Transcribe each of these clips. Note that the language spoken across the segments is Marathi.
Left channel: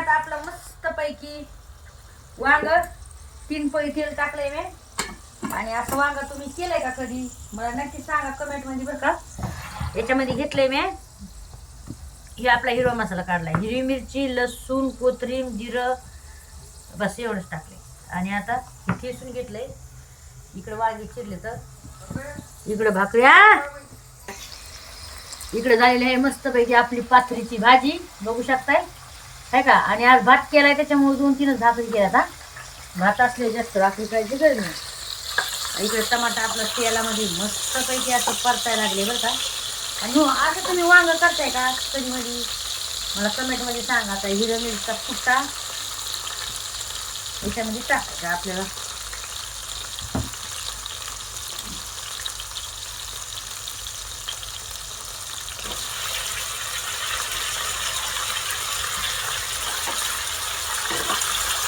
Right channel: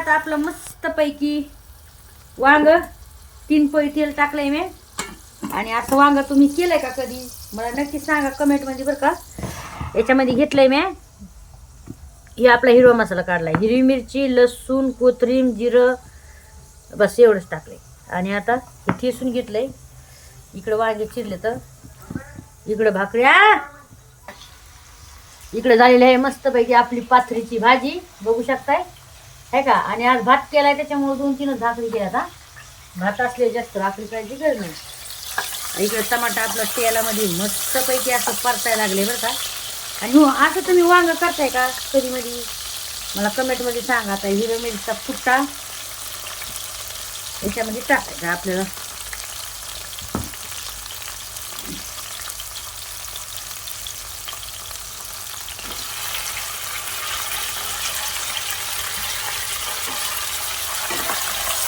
आता आपलं मस्तपैकी वांग तीन पळी तेल टाकलंय मी. आणि असं वांग तुम्ही केलंय का कधी? मला नक्की सांगा कमेंटमध्ये बरं का. याच्यामध्ये घेतलंय मी. हे आपला हिरवा मसाला काढलाय. हिरवी मिरची लसूण कोथरीम जिरं बस एवढंच टाकलंय. आणि आता हे किसून घेतलंय. इकडं वांगे चिरले तर. इकडं भाकऱ्या इकडे झालेली आहे मस्तपैकी आपली पाथरीची भाजी. बघू शकताय? आहे का? आणि आज भात केलाय त्याच्यामुळे दोन तीनच भाकरी केल्या आता भात असले जास्त भाकरी करायची गरज नाही इकडे टमाटा आपलं तेलामध्ये मस्तपैकी असं परतायला लागले बरं का. आणि हो, असं तुम्ही वांग करताय का? कधी मध्ये मला कमेंटमध्ये सांगा आता हिरो मिरचा फुट्टा याच्यामध्ये टाकायचा आपल्याला.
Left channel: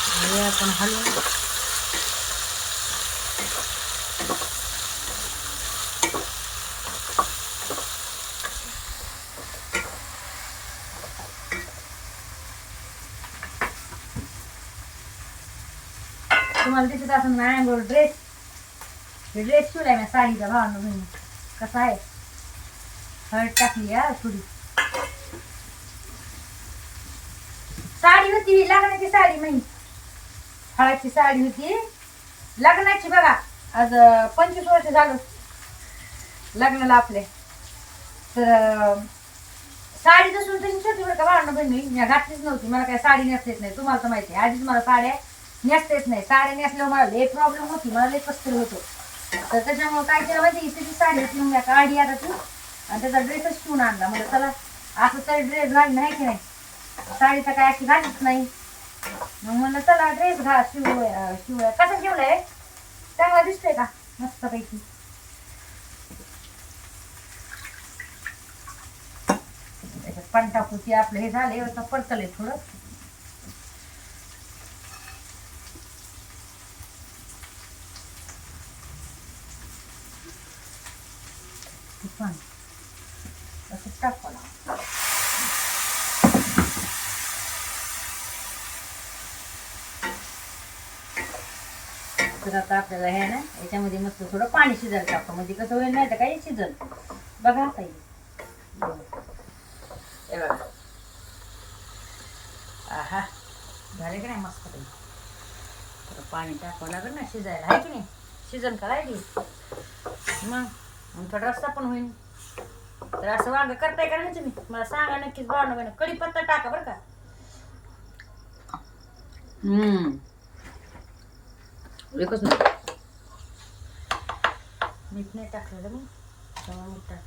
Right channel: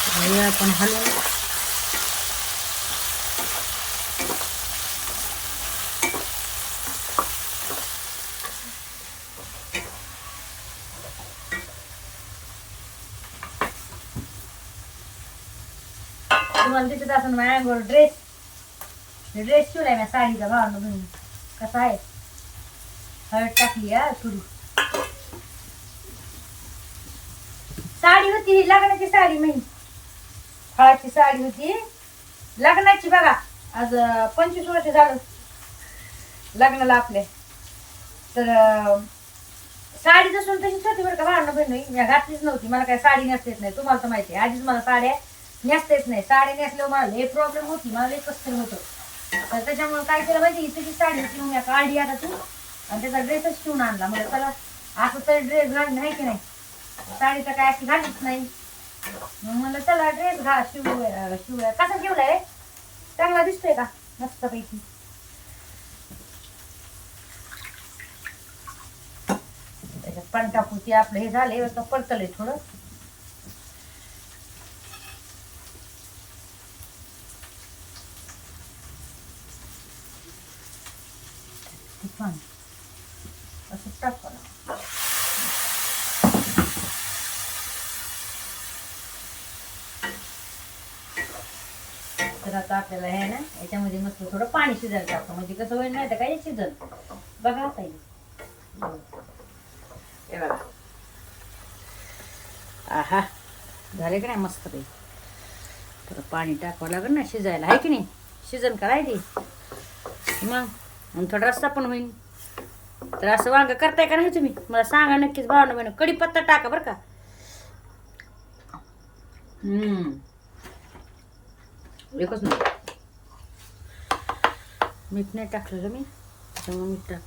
आणि आपण तुम्हाला दिसत असेल माझ्या अंगावर ड्रेस ड्रेस शिवलाय मी साडीचा भावना बहिणी कसा आहे? हळद टाकली हा थोडी. साडी होती ही लग्नाची साडी मी हळाची साडी होती. लग्नाची बघा. आज पंचवीस वर्ष झालं लग्नाला आपले. तर साडी जसून तशी छोटी बरं का भांडणं बहिणी मी घातलीच नव्हती. मला काय साडी नेसता येत नाही. तुम्हाला तर माहिती आहे. आधीच मला साड्या नेसता येत नाही. साडी नेसल्यावर मला लय प्रॉब्लेम होती. मला लय कसतरी होतो तर त्याच्यामुळे काय केलं माहिती इथे साडी होती. मग मी काढली आता तू. आणि त्याचा ड्रेसच शिवून आणला. म्हणजे चला असं तरी ड्रेस घालणं आहे की नाही? साडी तर काय अशी घालीच नाही. मग म्हणलं चला ड्रेस घा शिव शिव कसा शिवलाय चांगला दिसतोय का? मस्तपैकी. त्याच्यात पण टाकूची आपलं हे झाले आता पडतलंय थोडं. पण. असं टाकलं तर आता आपल्याला हे ना याच्यामध्ये मस्त थोडं पाणी शिजायला टाकतो म्हणजे कसं होईल नाही तर काय शिजल. बघा ताई हे. बघा. आहा. झाले की नाही मस्त ते थोडं पाणी टाकावं लागेल ना शिजायला. आहे की नाही? शिजन करायची मग? आणि थोडा रस्ता पण होईल तर असं वांग करताय का नाही तुम्ही? मला सांगा नक्कीच भावना बहिण. कढीपत्ता टाका बरं का. हम्म. एकच नाही. मीठ नाही टाकलेलं मी त्यामुळे मीठ टाक.